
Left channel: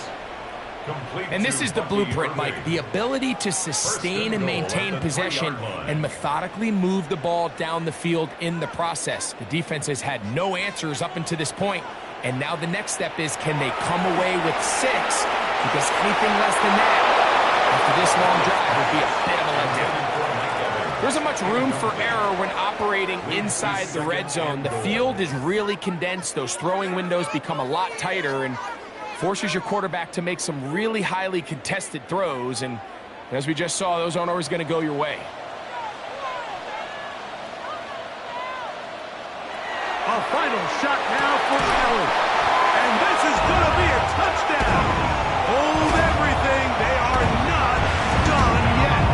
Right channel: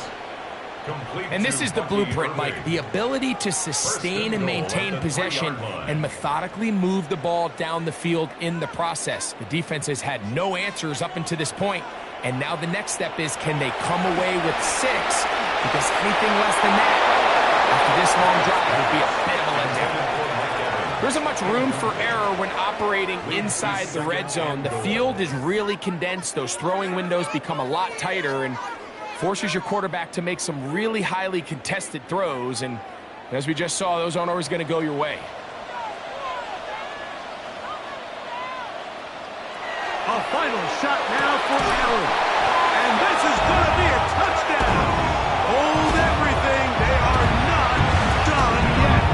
And this is the blueprint, Mike. The ability to sustain and maintain possession and methodically move the ball down the field in the process. The defense has had no answers up until this point, and now the next step is, can they come away with 6? Because anything less than that after this long drive would be a bit of a letdown. There isn't much room for error when operating inside the red zone. The field is really condensed. Those throwing windows become a lot tighter and forces your quarterback to make some really highly contested throws. And as we just saw, those aren't always going to go your way. A final shot now for Allen. And this is going to be a touchdown. Hold everything. They are not done yet.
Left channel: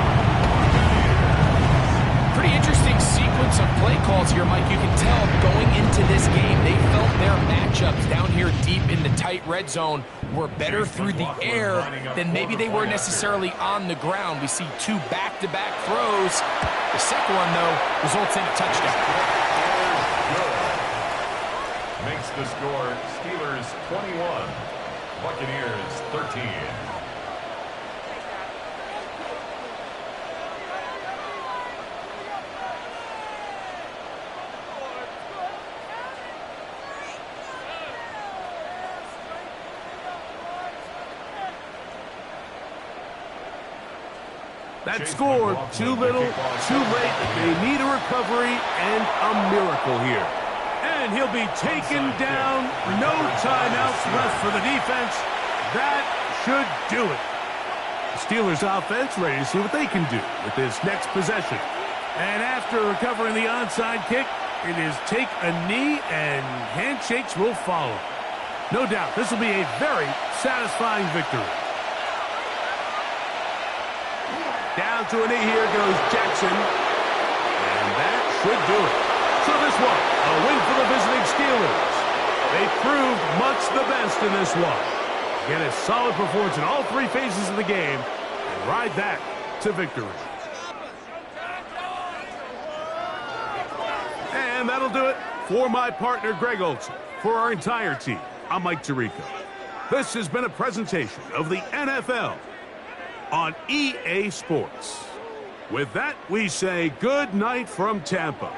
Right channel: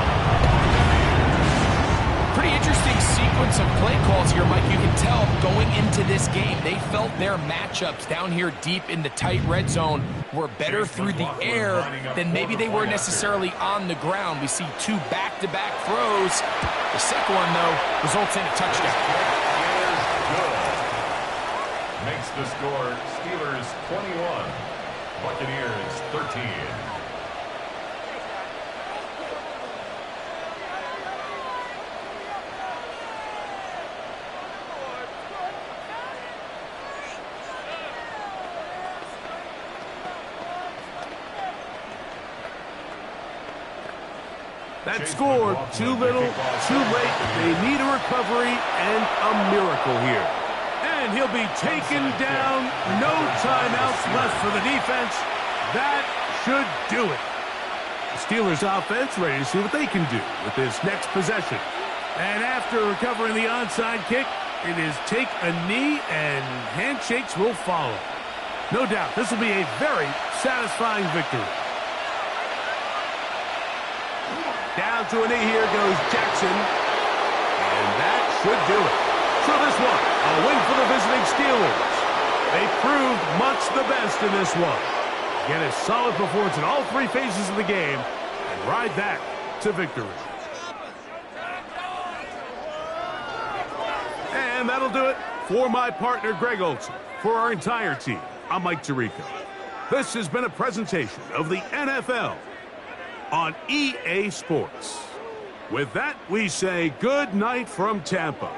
Pretty interesting sequence of play calls here, Mike. You can tell going into this game, they felt their matchups down here deep in the tight red zone were better through the air than maybe they were necessarily on the ground. We see 2 back-to-back throws. The second one, though, results in a touchdown. Makes the score Steelers 21, Buccaneers 13. That score, too little, too late. They need a recovery and a miracle here. And he'll be taken down. No timeouts left for the defense. That should do it. The Steelers offense ready to see what they can do with this next possession. And after recovering the onside kick, it is take a knee and handshakes will follow. No doubt, this will be a very satisfying victory. Down to a knee here goes Jackson. And that should do it. So this one, a win for the visiting Steelers. They proved much the best in this one. Get a solid performance in all three phases of the game and ride that to victory. And that'll do it for my partner, Greg Olson. For our entire team, I'm Mike Tirico. This has been a presentation of the NFL on EA Sports. With that, we say good night from Tampa.